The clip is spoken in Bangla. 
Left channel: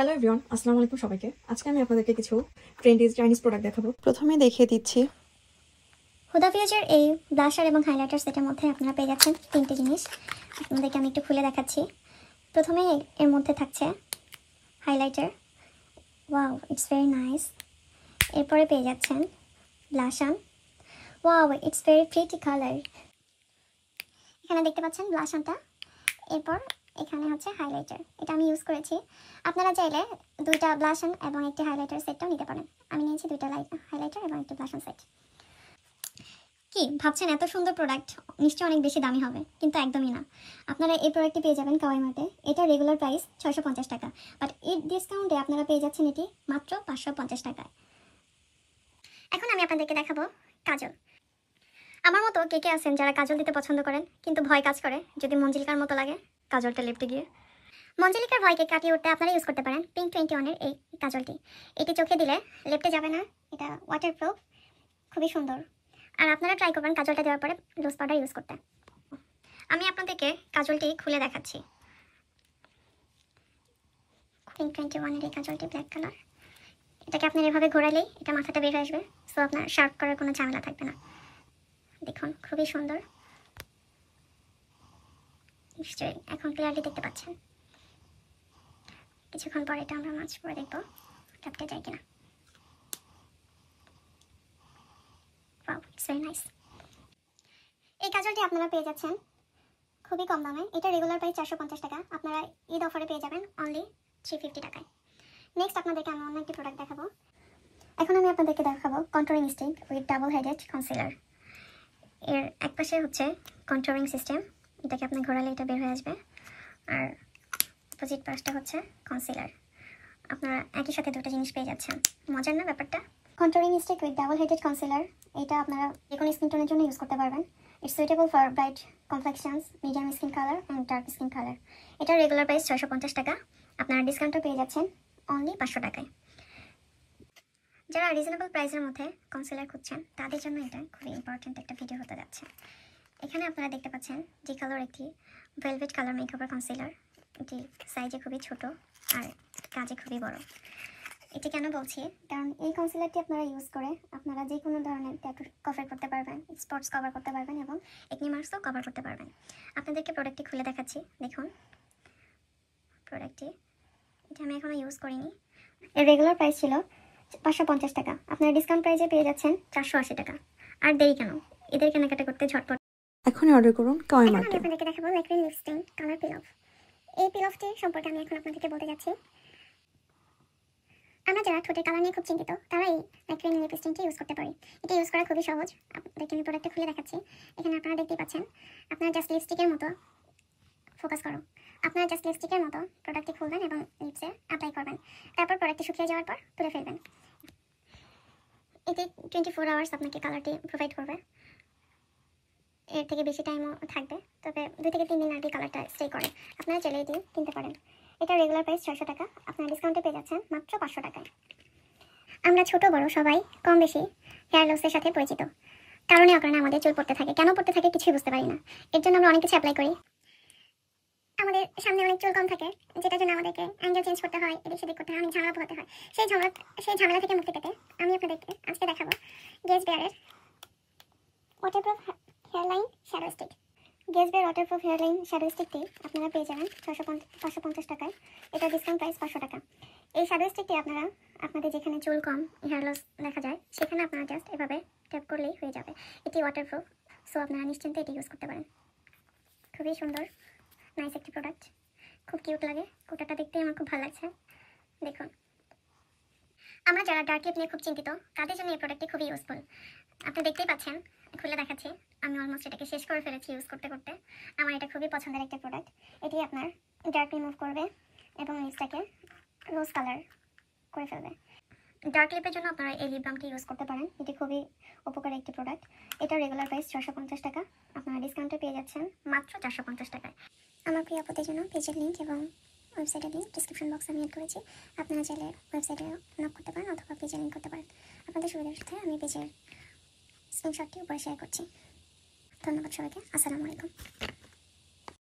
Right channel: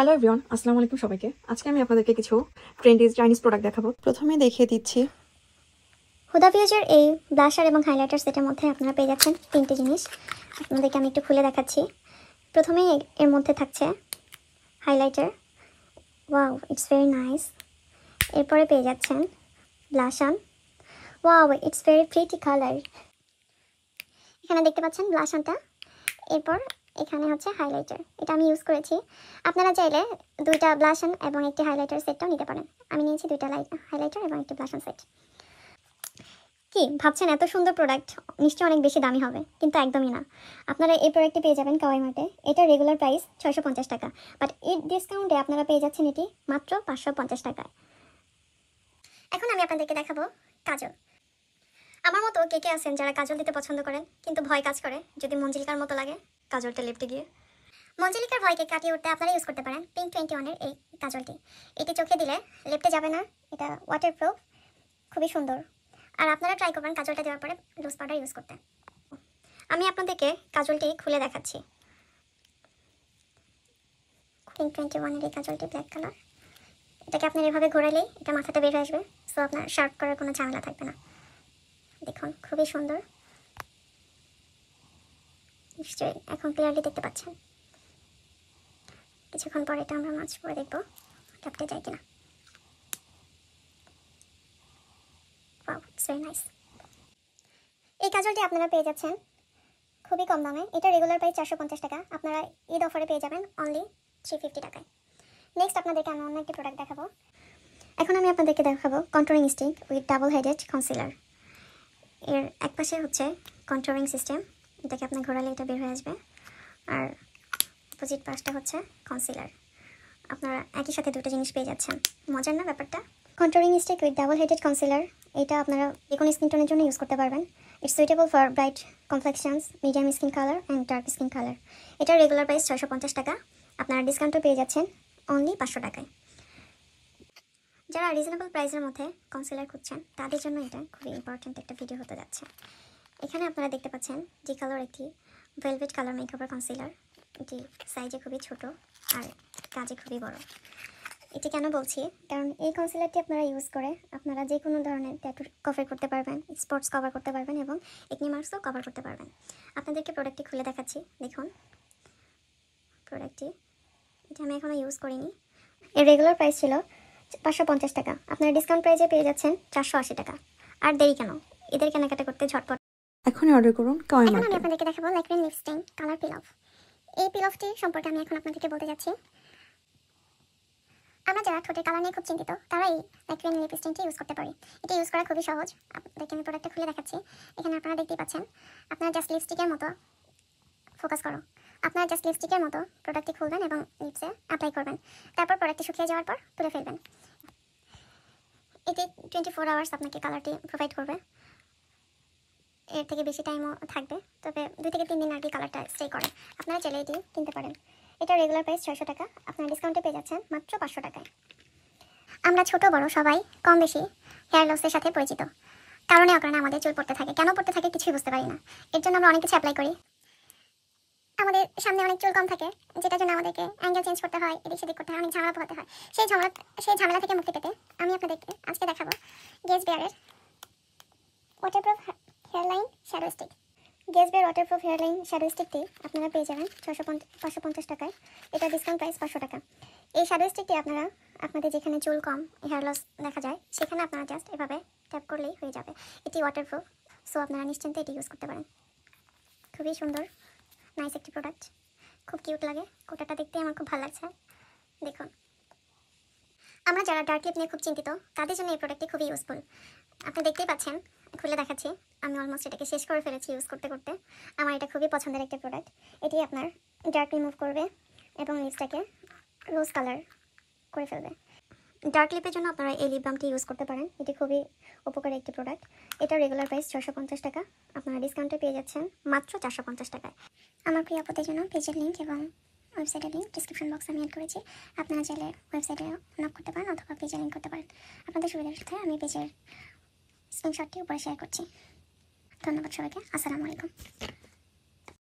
হ্যালো এভরিওয়ান, আসসালামু আলাইকুম সবাইকে। আজকে আমি আপনাদেরকে কিছু ট্রেন্ডি চাইনিজ প্রোডাক্ট দেখাবো। প্রথমে দেখিয়ে দিচ্ছি হুদা বিউটির এই ব্লাশার এবং হাইলাইটার সেটের মধ্যে আপনারা পেয়ে যাচ্ছেন তিনটি জিনিস। আপনাদেরকে আমি একটু খুলে দেখাচ্ছি। প্রথমে এর মধ্যে থাকছে highlighter, wow it's very nice. এরপরে পেয়ে যাচ্ছেন blush on, wow it's very pretty colour. এখানে দেখতে পাচ্ছেন ব্লাশ অনটা, এরপর এখানে হচ্ছে হাইলাইটার, এটা আমি ইউজ করেছি। আপনারা চাইলে দুইটা ব্লাশ অন এবং একটি হাইলাইটার সেটটাও নিতে পারেন। আমি নিয়েছি দুইটা হাইলাইটার এবং একটি ব্লাশ অন সেট। কি ভাবছেন, এত সুন্দর প্রোডাক্ট নিশ্চয়ই অনেক বেশি দামি হবে, কিন্তু একদমই না। আপনারা এই প্রোডাক্টটি পেয়ে যাবেন কাওয়াই মার্টে। এটা রেগুলার প্রাইস 650 টাকা, বাট এর ডিসকাউন্টে আপনারা পেয়ে যাচ্ছেন এটি মাত্র 550 টাকায়। এখন আমি আপনাদেরকে দেখাবো কাজল। আমার মতো কে কে আছেন যারা কাজল দিতে পছন্দ করেন, কিন্তু ভয় কাজ করে যদি মঞ্জিলিকার মতো লাগে কাজলটা লিপতে গিয়ে? মঞ্জিলিকার ভয়কে কাটিয়ে উঠতে আপনারা ইউজ করতে পারেন পিঙ্ক 21-এর এই কাজলটি। এটি চোখে দিলে লেপটে যাবে না, এটা ওয়াটারপ্রুফ, খুবই সুন্দর। আর আপনারা ট্রাই করবেন কাজলটা দেওয়ার পরে রোজ পাউডার ইউজ করতে। আমি আপনাদেরকে কাজলটি খুলে দেখাচ্ছি। পিঙ্ক 21-এর এই কাজলটি ব্ল্যাক কালার। এটাকে আপনার এভাবে ঘোরালেই এটা মাথাটা বের হয়ে আসবে, সো আপনার শার্প করার কোনো ঝামেলা থাকবে না। দেখুন খুবই সুন্দর, নিশ্চয়ই এখন ক্লিয়ারলি দেখতে পাচ্ছেন। কিছুক্ষণ পরে এটা আমরা মাছ পরে দেখবো টপটে যায় কিনা। Wow it's very nice. এই কাজলটি আপনারা পেয়ে যাচ্ছেন খুবই কম দামে। এটা রেগুলার প্রাইস 450 টাকা, আপনারা ঈদ অফারে পেয়ে যাবেন অনলি 350 টাকায়। নেক্সট আপনাদেরকে আমি অন্য একটি প্রোডাক্ট দেখাবো। এখন আমি আপনাদেরকে দেখাবো controlling stick with double headed concealer. এর এক পাশে হচ্ছে কন্ট্রোলিং সিস্টেম, এটাকে আপনি ঘোরালে এটা বের হয়ে আসবে, আর অপোজিট পাশটা হচ্ছে কনসিলার। আপনারা একই সাথে দুটো জিনিস পেয়ে যাচ্ছেন, মজার না ব্যাপারটা? Controlling stick with double headed concealer, এটা আপনারা যে কোনো স্কিন টোনের জন্য ইউজ করতে পারবেন। It's suitable for bright complexions, medium skin colour and dark skin colour. এটা রেগুলার প্রাইস 650 টাকা, আপনারা ডিসকাউন্টও পেয়ে যাচ্ছেন অনলি 500 টাকায়। যারা রিজনেবল প্রাইসের মধ্যে কনসিলার খুঁজছেন তাদের জন্য এটা খুবই ইম্পর্ট্যান্ট একটা ভিডিও হতে যাচ্ছে। এখানে আপনারা দেখতে পাচ্ছেন জি কালার একটি ভেলভেট কালার মেকআপের কনসিলার। এটি সাইজে খুবই ছোট আর কাজে খুবই বড়। এটি কেন বলছি, কারণ এই কনসিলারটি আপনারা ইউজ করে আপনারা যে কোনো ধরনের ট্যাটু কভার করতে পারবেন, স্পটস কভার করতে পারবেন এবং একনি মার্কসও কভার করতে পারবেন। আপনাদেরকে প্রোডাক্টটি খুলে দেখাচ্ছি। দেখুন প্রোডাক্টটি, এটা আমি এখনও ইউজ করিনি। এর রেগুলার প্রাইস ছিল 550 টাকা, আপনারা ডিসকাউন্ট প্রাইসে পেয়ে যাচ্ছেন 480 টাকা। আর দেরি কেন, এদের কেনাকাটা করতে ঝটপট এখনই অর্ডার করুন কাওয়াই আমি মার্টে। আপনাদেরকে দেখাবো ল্যাকমির লিপস্টিক কালার পিল অফ। এই পিল অফটি সম্পর্কে আমি এখন আপনাদেরকে বলতে যাচ্ছি। আমরা যারা ঠোঁটের কালার নিয়ে খুব চিন্তিত তারা এই ল্যাকমির লিপস্টিকটি ইউজ করতে পারি। এটা ইউজ করা খুবই সহজ। আপনাদেরকে আমি প্রোডাক্টটা খুলে দেখাচ্ছি। এখানে আপনারা দেখতেই পাচ্ছেন, আপনারা জাস্ট লিপস্টিকের মতো ফোকাস করো। আপনারা জাস্ট লিপস্টিকের মতো প্রোডাক্টটি খুলবেন এবং লিপসে অ্যাপ্লাই করবেন। তারপর প্রোডাক্টটি শুকিয়ে যাওয়ার পর তুলে ফেলবেন। এটি 24 আওয়ার্স আপনাকে কালারটি প্রোভাইড করবে, এর থেকে বেশি টাইমও থাকবে, তবে 2 থেকে 3 দিন আর কি কালারটা স্টে করে। আপনারা চাইলে এটি কিনতে পারেন। এটা রেগুলার প্রাইস 600 টাকা, আপনারা ডিসকাউন্টে পেয়ে যাচ্ছেন মাত্র 500 টাকায়। আমরা ছোট বড় সবাই কম বেশি হেয়ার লসের সাথে পরিচিত। কারণে অকারণে আমাদের চুল পড়তে থাকে, কেন পড়তে থাকে কিছুই বুঝতে পারি না। এর জন্য আমরা অনেক কিছু অ্যাপ্লাই করি। আমাদের সামনে অনেক চুল কম থাকে, যেটার জন্য আমাদেরকে অ্যাঙ্গেল চেঞ্জ করতে হয়, এদিক সেদিক করতে হয়, অনেক ঝামেলা পোহাতে হয়। সেই ঝামেলা থেকে মুক্তি পেতে আমি আপনাদেরকে আজকে দেখাবো গেজ বেয়ারের ওয়াটারপ্রুফ হেয়ারলাইন শ্যাডো স্টিক। গেজ বেয়ার ওয়াটারপ্রুফ হেয়ারলাইন শ্যাডো স্টিকটি আপনারা পেয়ে যাবেন 550 টাকায়। এটা ডিসকাউন্ট প্রাইস 500 টাকা। এই শ্যাডো স্টিকটি আপনারা আপনাদের যেখানে চুল কম, হেয়ার লস দেখা যায়, সেখানে আপনারা জাস্ট এভাবে ট্যাপ করলেই হয়ে যাবে। এটি ওয়াটারপ্রুফ, সো আপনারা নিশ্চিন্তে এটি ইউজ করতে পারেন। খুবই সুন্দর নাইস একটি প্রোডাক্ট, খুব কিউট লাগে। কোটাটা দেখতে আমার খুব ভালো লাগছে। দেখুন, আমরা যারা ডার্ক লিপ নিয়ে খুব চিন্তিত তাদের জন্য এই প্রোডাক্টটি খুবই ইউজফুল। আপনি দেখতেই পাচ্ছেন, খুলে দেখাচ্ছি। আমি অলমোস্ট এটাকে শেষ করে ফেলেছি ইউজ করতে করতে। আমার এটা খুবই পছন্দের একটা প্রোডাক্ট। এটি আপনার ডার্ক রিমুভ করবে এবং লিপসটাকে রোজ কালার করে ফেলবে। ডার্ক লিপের জন্য আপনারা এই লিপ বামটি ইউজ করতে পারেন। এটি খুবই উপকারী একটি প্রোডাক্ট। এটা রেগুলার প্রাইস 650 টাকা, আপনারা ডিসকাউন্টে পেয়ে যাচ্ছেন মাত্র 450 টাকায়। আমার প্রিয় আপদের জন্য পেজের লিঙ্ক এবং ওয়েবসাইটের লিঙ্ক ডিসক্রিপশন বক্সে আমি অ্যাড করেছি। আপনারা চাইলে ওয়েবসাইটে নক করতে পারেন অথবা পেজে লিঙ্ক করতে পারেন। আপনাদের সুবিধার সাথে আমি পেজের স্ক্রিনশটটি উপরে শেয়ার করছি। ধন্যবাদ সবাইকে। আসসালামু আলাইকুম।